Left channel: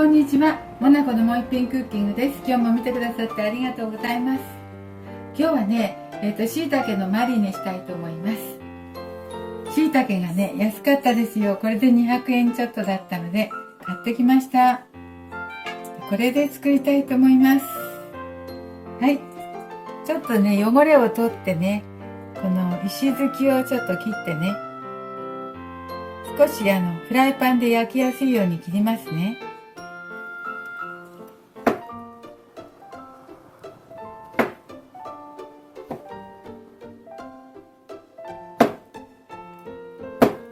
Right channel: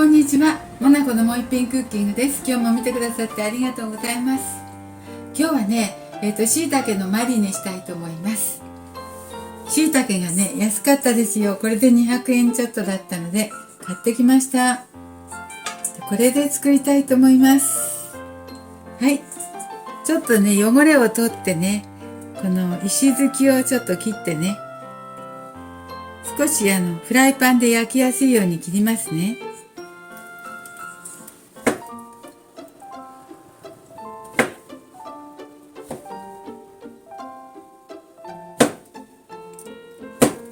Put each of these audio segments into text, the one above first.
こんにちは。モナコのもう一品クッキングです。今日も見てくださってありがとうございます。今日はね、椎茸のマリネしたいと思います。椎茸がね、安かったですよ。これで200円ちょっとだったので買ってきました。これで作りたいと思います。はい。ちょっとね、汚れを取ってね、この石突きをちょっと切ってね、少しフライパンで焼きやすいように切りますね。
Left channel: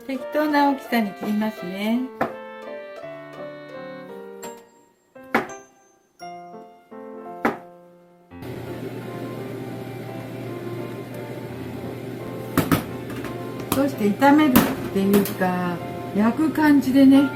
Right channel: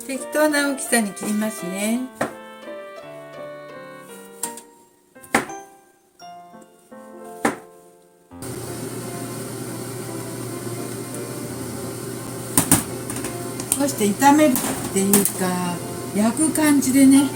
適当な大きさに切りますね。そして炒めるっていうか焼く感じでね、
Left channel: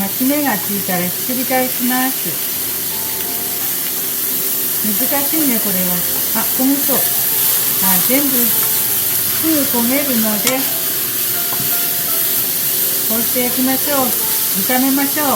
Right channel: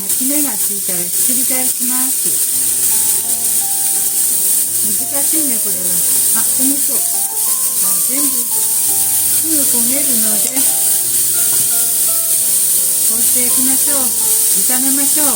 焼き目がついたらひっくり返します。難しいね、これは。焦げそう。全部すぐ焦げるので、こうして焼きましょう。炒めましょう。ね。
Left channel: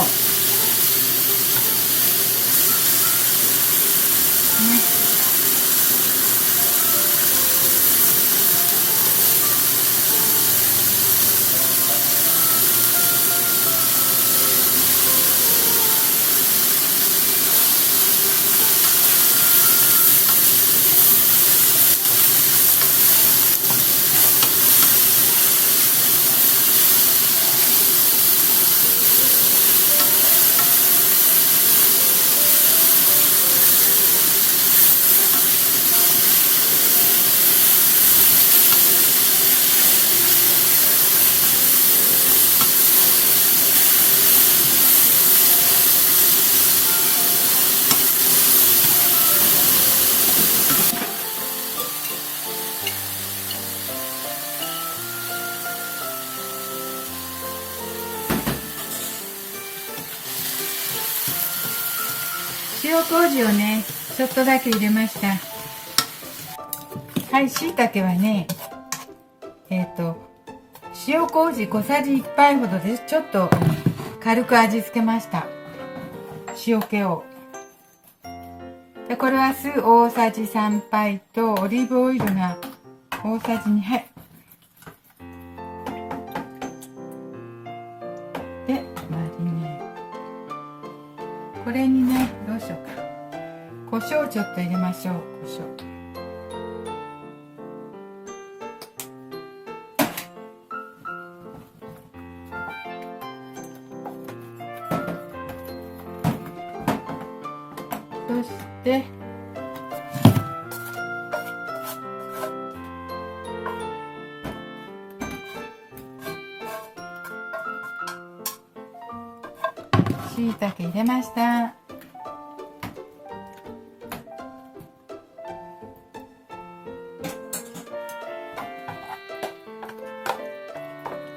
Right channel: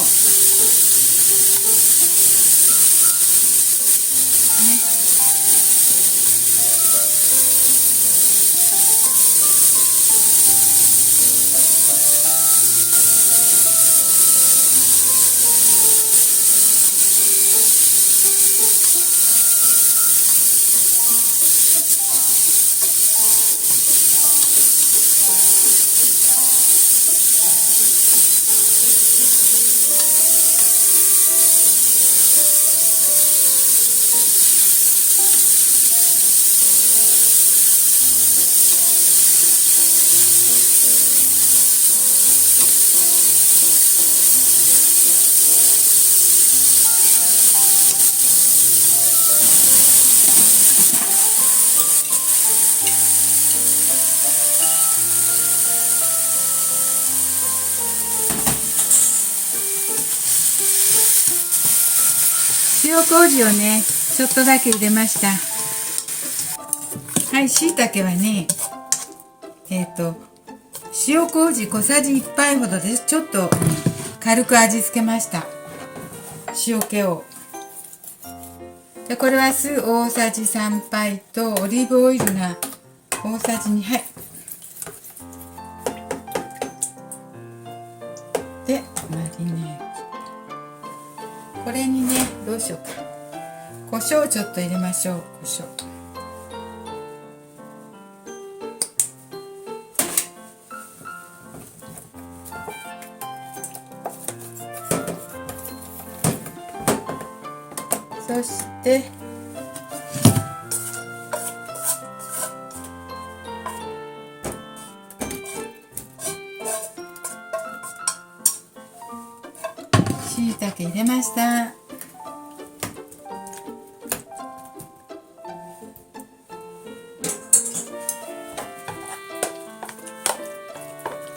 塩麹をね、ちょっとだけ入れました。はい、椎茸はね、塩麹小さじ1杯ほどです。ちょっと軽く味付けました。塩気を。で、これは酢大さじ3杯とオリーブオイルが大さじ2杯。で、マリネ。これにね、どうしようか。胡椒ちょっと入れましょう。胡椒。そして椎茸入れました。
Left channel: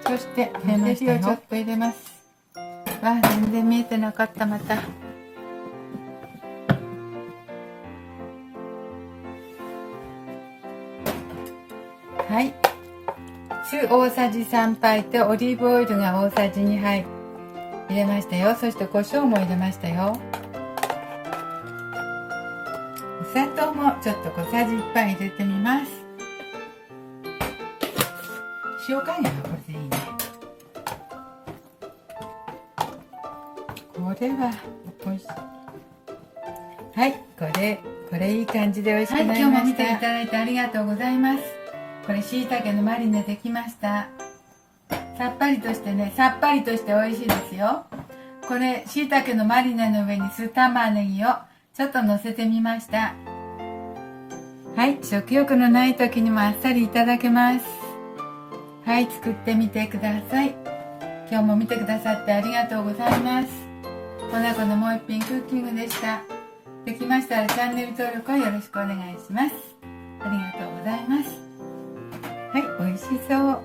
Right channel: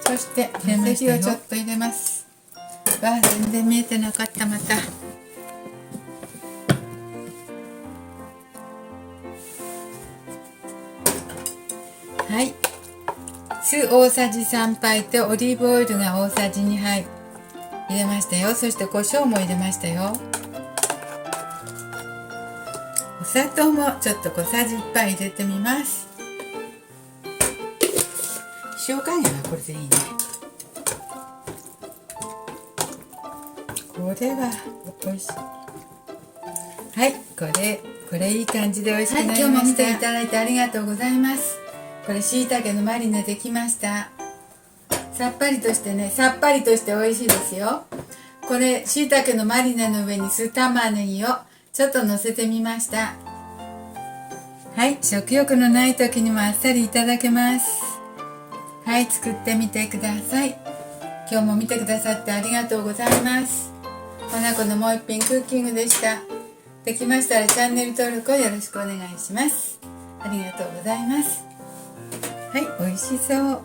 そしてネギをちょっと入れます。全然見えてなかった。またはい、酢大さじ3杯とオリーブオイルが大さじ2杯入れましたよ。そして胡椒も入れましたよ。お砂糖もちょっと小さじ1杯入れてみます。塩加減はこれでいいね。これは美味しい。はい、これいい感じで美味しくなりました。今日も見ていただいてありがとうございます。これ椎茸のマリネできました。さっぱりとしてね、さっぱりとして美味しいですよ。これ椎茸のマリネの上に酢玉ねぎをちょっと乗せてみました。はい、食欲のない時にもあっさりいただけます。はい、作ってみてください。今日も見てくださってありがとうございます。モナコのもう一品クッキングでした。できましたらチャンネル登録をよろしくお願いします。ありがとうございます。はい、美味しそう。